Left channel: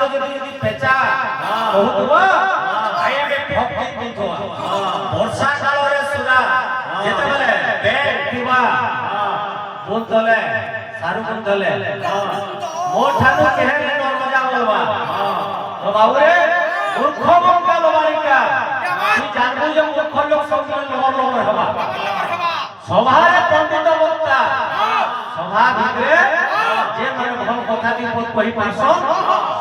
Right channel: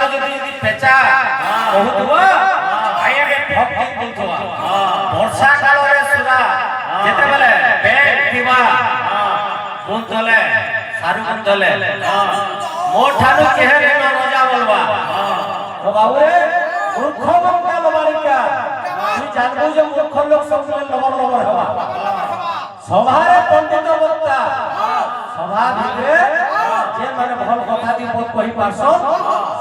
ଗୁଟେ ଯଦି ପେଚା କହୁଥିବ ଆଜ୍ଞା ଭକ୍ତି କହୁଥିବ ବର୍ଷା କାଳରେ ସୁରା ଯେତେବେଳେ ବେଗ ଥିବା ବୁନ୍ଦଲେ ସାରୁ ବୁନ୍ଦଲେ ମୋ ଠାରୁ କେହେ ରଜା ବୋଲବା ଓ ବାବୁରେ ମୂର୍ଖ ବଙ୍କା ଲବାରିକା তুই জানবো যে মূর্খ লোক সবসময় লবর লবর হবা সভারে পণ্ডিত বক্তা সভা ভিতরে যে মানে ভাল কথা দি কই পারছ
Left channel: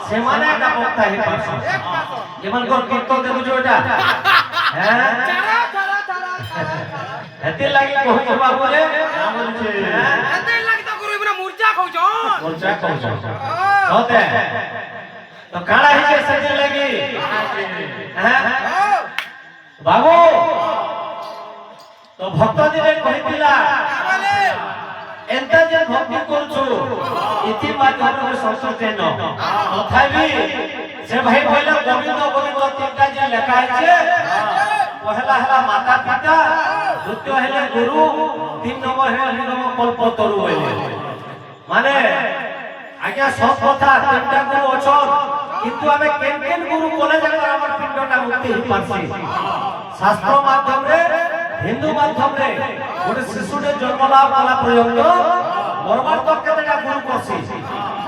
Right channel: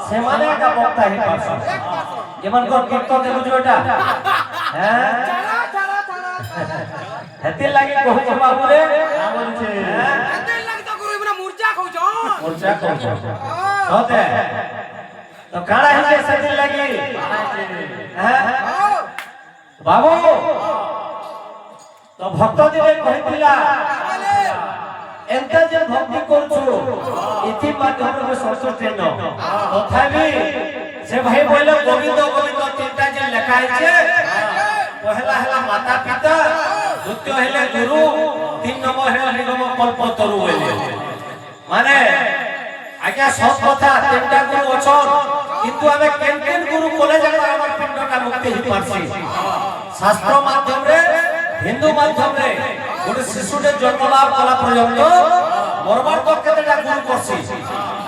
সেমানে একটা বক্তা হি পারছ যেমন কোন কীর্তন দেখুছো এটা হ্যাঁ হেতে লাগি কহু বাবুরে বলছে হেতে লাগি তো গুরু ইবনা মুরজা কইছ সতে তো কাড়া হি সেতে লাগি হ্যাঁ বাবু তো ভক্ত দিলে কহিলা এন্তা যে ভক্তি করছো ইতি মাধ্যমে সন্তোষেন তথাপি সে ভাই বলে গোবিন্দ গোবিন্দ তিনটা যে লেখা আছে পহলা হেলা মাতা পিতা দ্বিতীয় হেলে গুরু তিন নম্বর হেলে নিগম কল্পতরু বলে মানে আজ্ঞা সব কথা তিনটা গুরু অছন কিন্তু আমি কেন কেন গুরু কোলে যাবে আমার পিণ্ডটা মুক্তি হি পারছি শাস্ত্র মাধ্যমে হিন্দু মাধ্যমে গোটে শিশুটে জন্ম লাভ কলা পর্যন্ত মরবার পর কেতেটা গুরু করছি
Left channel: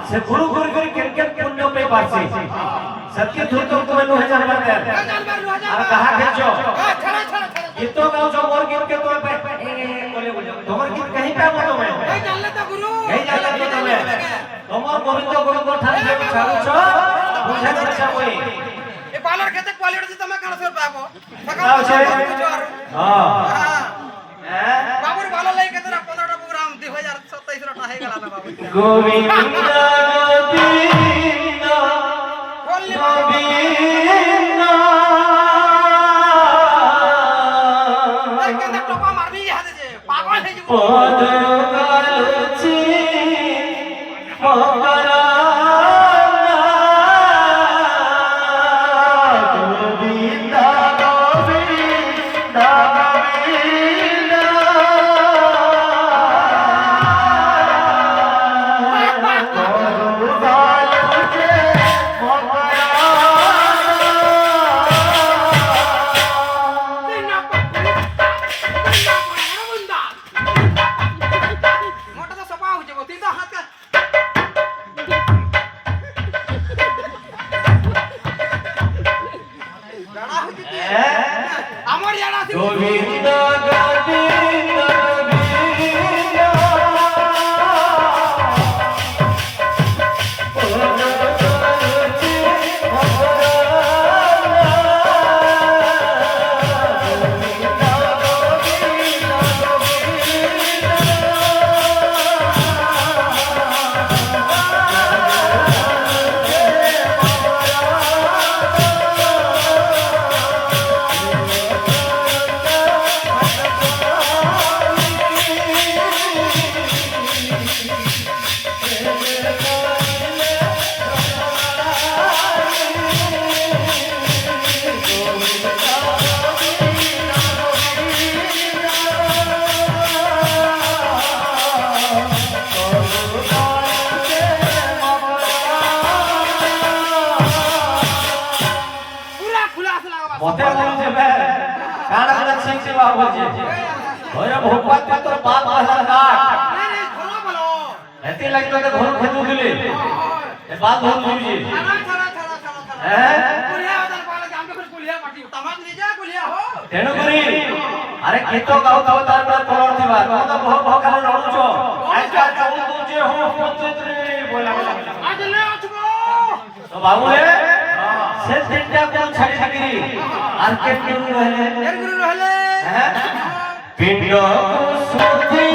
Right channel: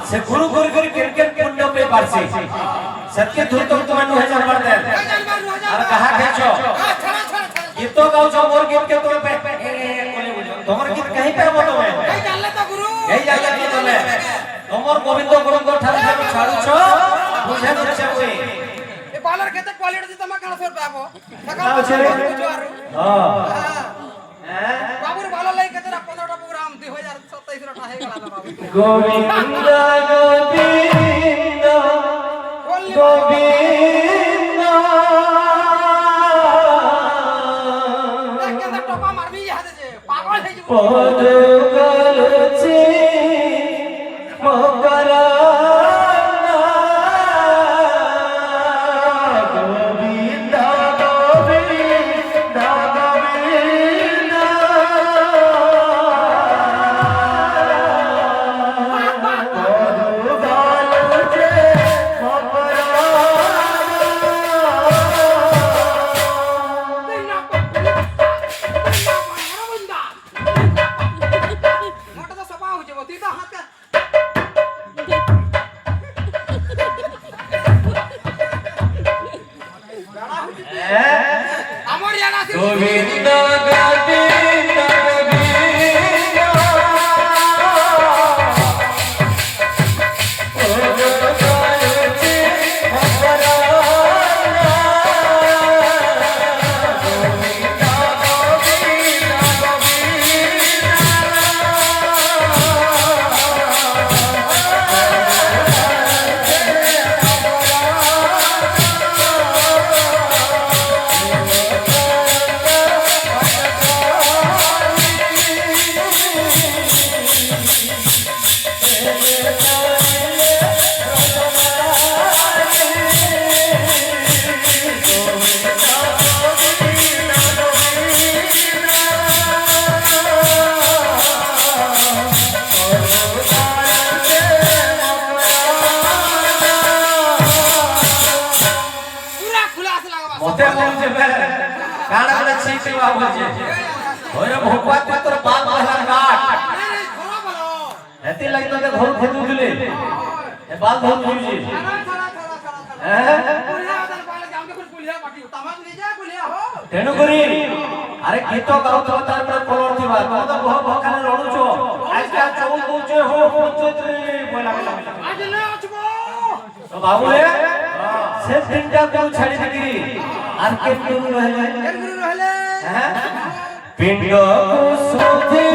সে গুরু গুরু করে কেন কেন পুণ্য পেয়ে পারছি সত্যি ধুই তো তুমি 2000 বার দেন আর কাহা খেছো গীত গাউছো মোর গীত কে তোর পে তোমার গীত কहीं पे মতো मैं এই জানলে তো গুরু এই জানলে কি তুমি তোমার গোবিন্দ গোবিন্দ ঠারে তুমি ছাড়ুছো বুঝে বুঝে কই এ পালার খেতে কোয়ালিটি তুমি কানা সর পাবো হ্যাঁ বাবুর ভালো লাগে কেতে 15টা প্রোগ্রাম 2027 টা হয়ে গেল না বাবু গোবিন্দ গোবিন্দ গোবিন্দ কেতে টপা মারবি হাতে যে পাগল হয়ে যাব পদ গলছি মকরা আমার ইয়ারা আছে গোবিন্দ গোবিন্দ মতে বলছে কাড়া বলে ছিঁচে বা বলছে ওরে ভগবান তোর বাল মহারাজ কাট নাই ঘোরা বলো এতে লাগতে তো ঘোর খেতু দিলে এ বাল ধর দিবি ছাড়া হ্যাঁ কুলিয়া ওদের বলে যে আমরা কুলিয়া পাটি তামাক নিয়ে যা কুলিয়া হো তেণু করি আরে গীত গাও তো তার পর কলর দিবা তুমি তো বহু ভকালে লড়ুছ আজকাল চৌল দউছে হো পঞ্চত্রি বইলা আজ লে আছবো তো বাবুলে সে তিনটা কোন ছাড়ি দিগিরি আর কে গুরু রহলে এর গুরু রহলে হ্যাঁ পিণ্ড সুধি